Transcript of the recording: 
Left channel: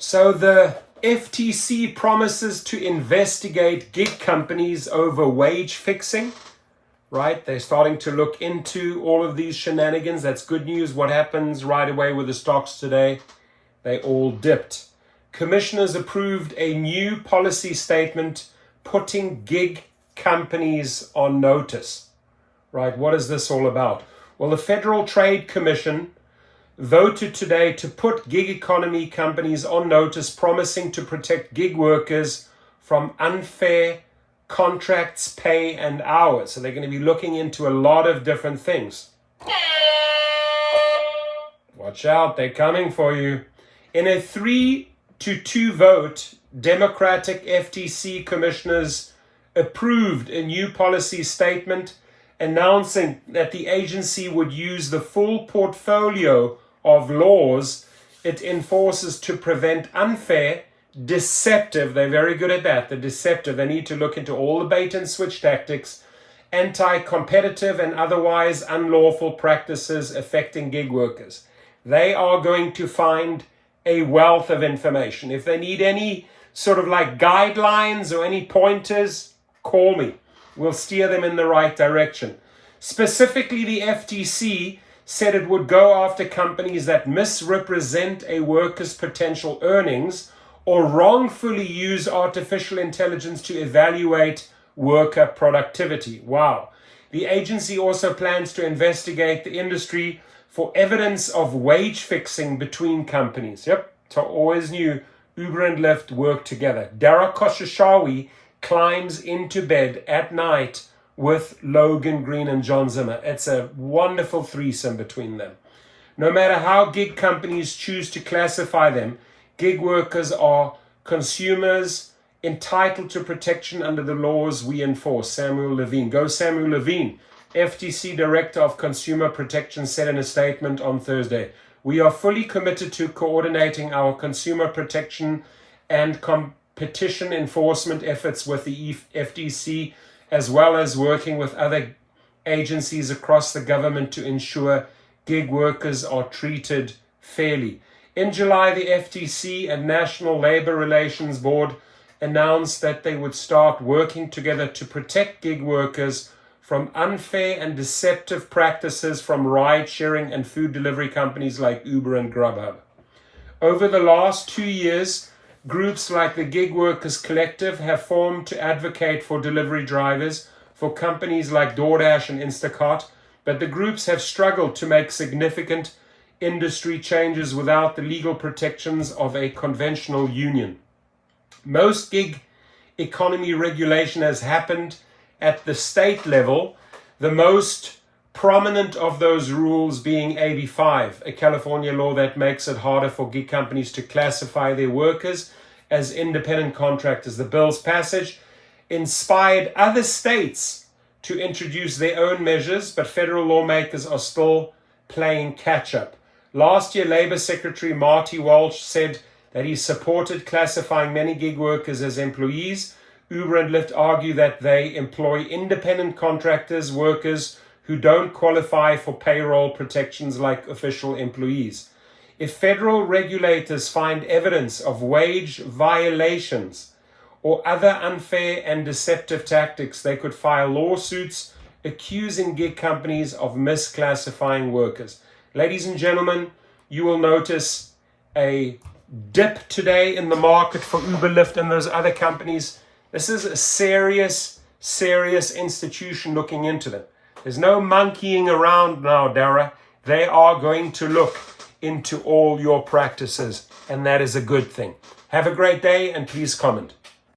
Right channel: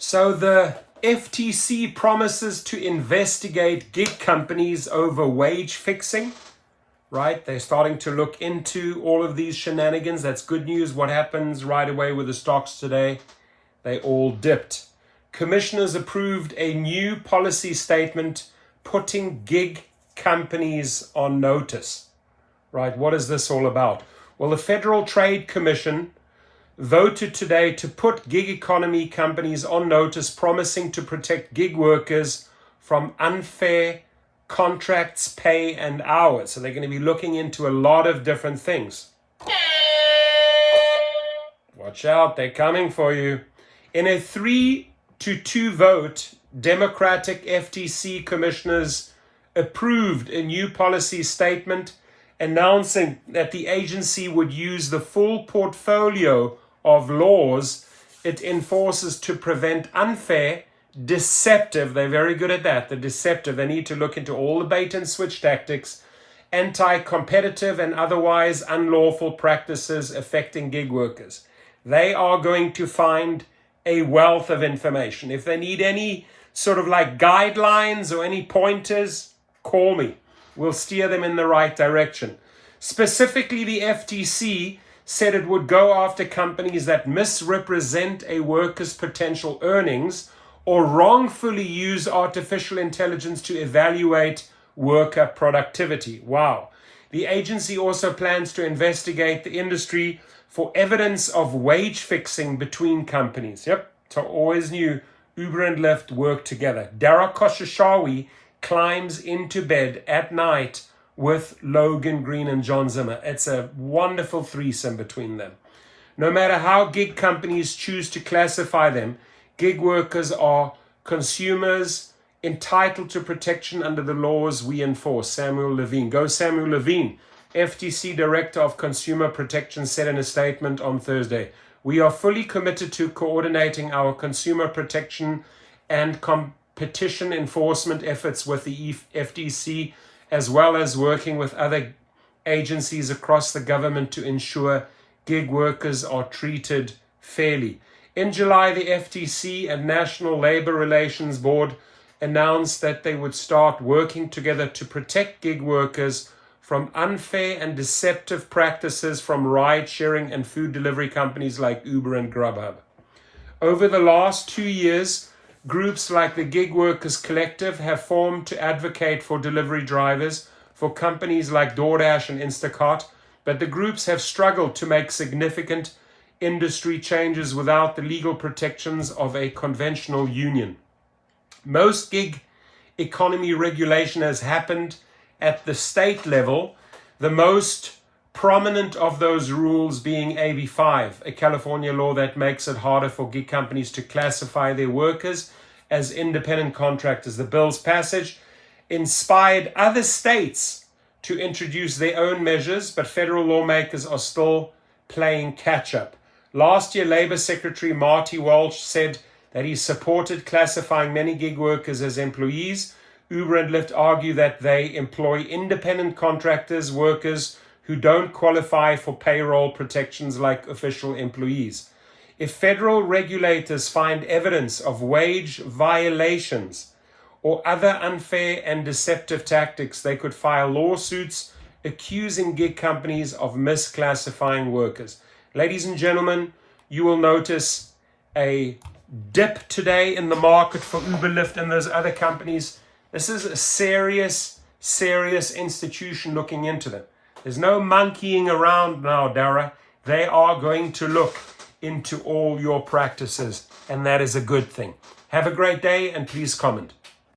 So the FTC promises to investigate gig companies over wage fixing, right? They're starting to look into all of these shenanigans. That's good news. What happens right away with the stocks today? They all dipped. Commissioners approved a new policy statement putting gig companies on notice, right? What is this all about? Well, the Federal Trade Commission voted today to put gig economy companies on notice, promising to protect gig workers from unfair contracts, pay, and hours. So they're going to be looking into a lot of different things. Watch out, they're coming for you. In a 3-2 vote, Democratic FTC commissioners approved a new policy statement announcing that the agency would use the full portfolio of laws it enforces to prevent unfair, deceptive, they're very good at that, the deceptive, they need to look into all the bait and switch tactics, anti-competitive and otherwise unlawful practices affecting gig workers. They are going to find a wealth of information. If they need any sort of like guidelines or any pointers, call me. We'll steer them in the right direction. Specifically, the FTC said it would go after companies that misrepresent a worker's potential earnings or wrongfully use artificial intelligence to evaluate worker productivity. Wow. The agency also plans to investigate the industry for evidence of wage fixing between companies. Yep, so always knew Uber and Lyft work together. Dara Khosrowshahi climbs into bed at night with Logan Green and John Zimmer. It's a wonderful threesome between them. No matter how gig companies choose to classify them, gig workers are consumers entitled to protection under the laws we enforce. Samuel Levine. Go Samuel Levine. FTC Director of Consumer Protection said in a statement on Thursday, "We are fully committed to coordinating our consumer protection and competition enforcement efforts with the FTC, as well as working with other agencies across the government to ensure gig workers are treated fairly." In July, the FTC and National Labor Relations Board announced that they would start working together to protect gig workers from unfair and deceptive practices from ride-sharing and food delivery companies like Uber and Grubhub. Over the last 2 years, groups like the Gig Workers Collective have formed to advocate for delivery drivers for companies like DoorDash and Instacart, but the groups have struggled to make significant industry changes without the legal protections of a conventional union. Most gig economy regulation has happened at the state level, the most prominent of those rules being AB 5, a California law that makes it harder for gig companies to classify their workers as independent contractors. The bill's passage inspired other states to introduce their own measures, but federal lawmakers are still playing catch-up. Last year, Labor Secretary Marty Walsh said that he supported classifying many gig workers as employees. Uber and Lyft argue that they employ independent contractors, workers who don't qualify for payroll protections like official employees. If federal regulators find evidence of wage violations or other unfair and deceptive tactics, they could file lawsuits accusing gig companies of misclassifying workers. Ladies and gentlemen, you will notice a dip today in the market for Uber, Lyft, and those other companies. This is a serious institution looking into them. There's no monkeying around now, Dara. They are going to look into all your practices, and that is a good thing. Have a great day, and please comment.